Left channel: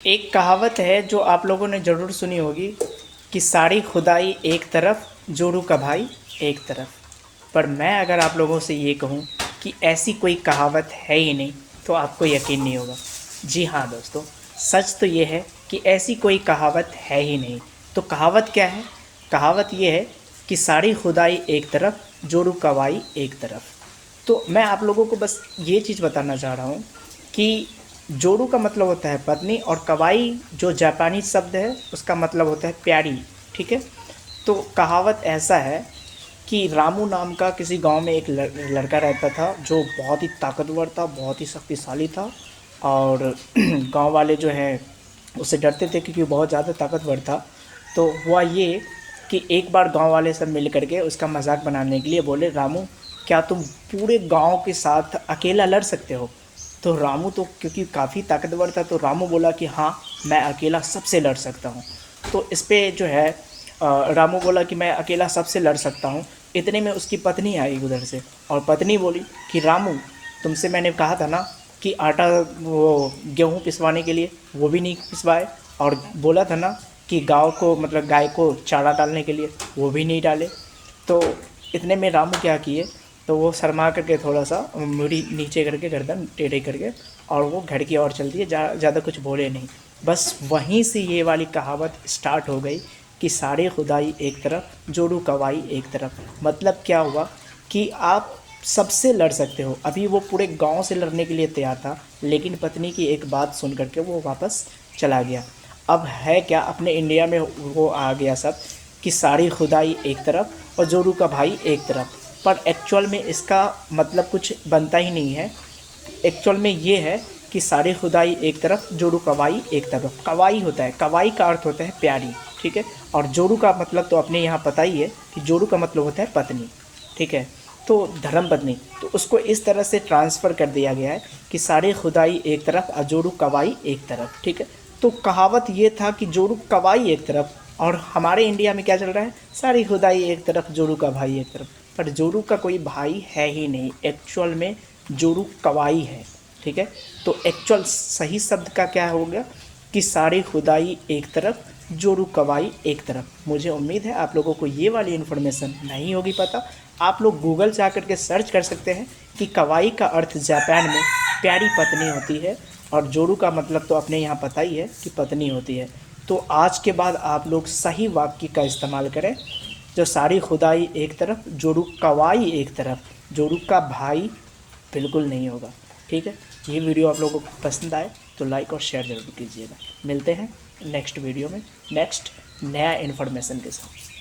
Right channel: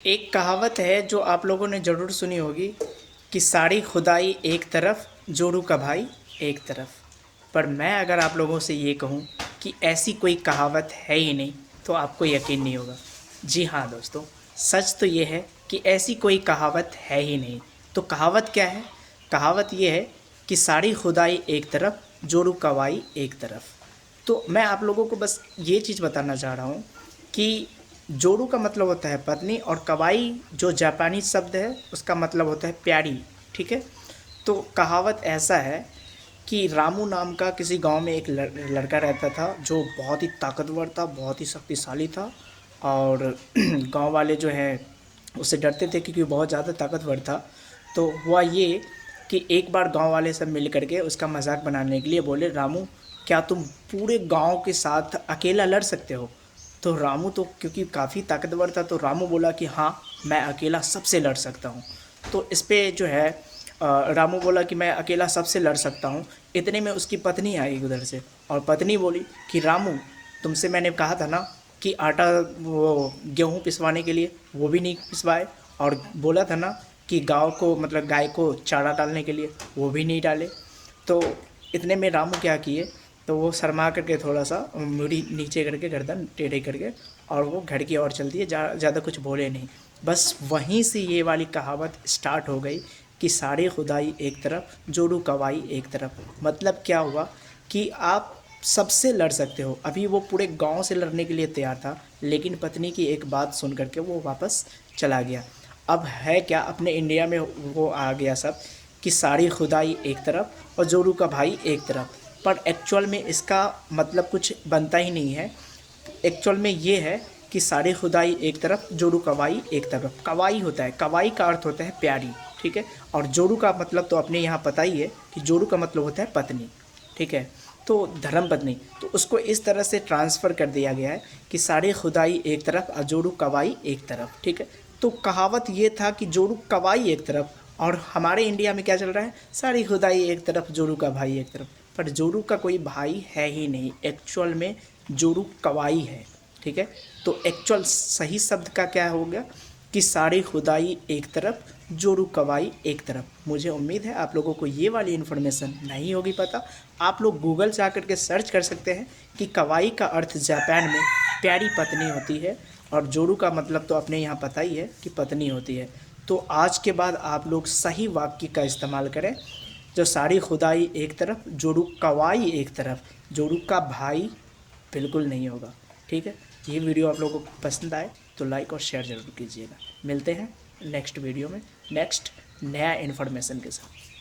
एक कहावत है जो आप लोगों ने ज़रूर सुनी होगी कि सारी खुदाई एक तरफ, जोरू का भाई एक तरफ। पर मैं अगर आप लोगों से ये कहूँ कि ऐसी कोई कहावत है ही नहीं तो आपको यकीन नहीं होगा। जी हाँ दोस्तों, सच तो ये है कि ऐसी कोई कहावत है ही नहीं। तो कहावत क्या है? कहावत ये है कि सारी खुदाई एक तरफ, जोरू का भाई एक तरफ। तो मैं आप लोगों को बस ये चीज़ बताना चाह रहा हूँ कि जोरू का मतलब होता है पत्नी, और कवाई जो जापानी शब्द है उसका मतलब होता है प्यारी। ठीक है। तो कहावत ऐसा है कि रामू नाम का किसी गांव में एक लड़का रहता था जो बहुत ही ताकतवर था, बहुत ही शक्तिशाली था। और गांव वाले जो है उससे डरते थे क्योंकि वो बहुत ज़्यादा ताकतवर था। तो हुआ ये कि एक बार गांव वाले सब मिल करके उसका मजाक बनाने के लिए बोले, रामू क्या तुम पूरे गांव के साथ अकेला लड़ सकते हो? तो रामू तो क्योंकि काफ़ी ताकतवर था तो रामू बोला कि हाँ, मैं अकेला सबसे लड़ सकता हूँ। तो इस पे जो है रामू बोला कि मैं अकेला सबसे लड़ सकता हूँ। इतने में उसकी पत्नी आई उधर से, और पत्नी बोली कि रामू, तुमसे मैंने कहा था ना कि आटा, वो गेहूँ पिसवाने के लिए, वो भी नहीं पिसवाए। और बोला था ना कि गाँव को मतलब गाय को चारा डालने के लिए, वो भी नहीं डाले। तो इतने में रामू क्या किए, तो वो शर्मा करके थोड़ा सा मुड़ी नीचे करके गर्दन टेढ़े करके और वो घर की ओर चल दिए, ज़्यादा कुछ बोले नहीं। बस वहीं से ये वाली कहावत स्टार्ट हो गई कि सारे खुदाई एक तरफ, जोड़ू कवाई एक तरफ। मतलब क्या हुआ कि आप सबसे लड़ सकते हो। अभी वो पूरे गांव से लड़ने के लिए तैयार था, लेकिन पत्नी की एक बात सुन करके वो वापस चला गया। अब है क्या, अपने इंडिया में वो आ गया सब कि सारी खुदाई एक तरफ और जोरू का भाई एक तरफ। पर एक्चुअल में इसका मतलब कुछ बनता ही नहीं है। एक्चुअल में ये है कि सारी खुदाई एक तरफ, जोरू कवाई एक तरफ। कवाई होता है, कवाई का अर्थ होता है प्यारी। ठीक है। और जोरू का मतलब तो अपने यहाँ पता ही है कि जोरू का मतलब होता है पत्नी। ठीक है। तो धर्म पत्नी, तो उसको इस तरह से ट्रांसफ़र कर दिया गया है कि सारी खुदाई एक तरफ और जोरू कवाई एक तरफ। ठीक है। तो कहावत ये था कि जोरू कवाई एक तरफ, और हमारे इंडिया में क्या चल रहा है, सारी खुदाई एक तरफ, जोरू का भाई एक तरफ। पर जोरू का कोई भाई है ही नहीं, एक्चुअल में जोरू कवाई है। ठीक है। तो एक्चुअल सही शब्द का क्या हो गया कि सारी खुदाई एक तरफ, जोरू कवाई एक तरफ। मुझे उम्मीद है आप लोगों को ये वाली इन्फॉर्मेशन नहीं होगी पता। आप लोग गूगल से आकर के सर्च कर सकते हैं कि कवाई का अर्थ जापान में प्यारी पत्नी होती है, और जोरू का मतलब तो अपने यहाँ पता ही है कि पत्नी होती है। तो आज के बाद आप लोग सही वाक्य का इस्तेमाल करें, जो सारी खुदाई एक तरफ, जोरू कवाई एक तरफ, जोरू का भाई बिल्कुल नहीं होगा। ठीक है। ये वीडियो आप लोगों को पसंद आए तो लाइक और शेयर ज़रूर कीजिएगा। मिलते हैं नेक्स्ट वीडियो में, नेक्स्ट नया इन्फॉर्मेशन के साथ।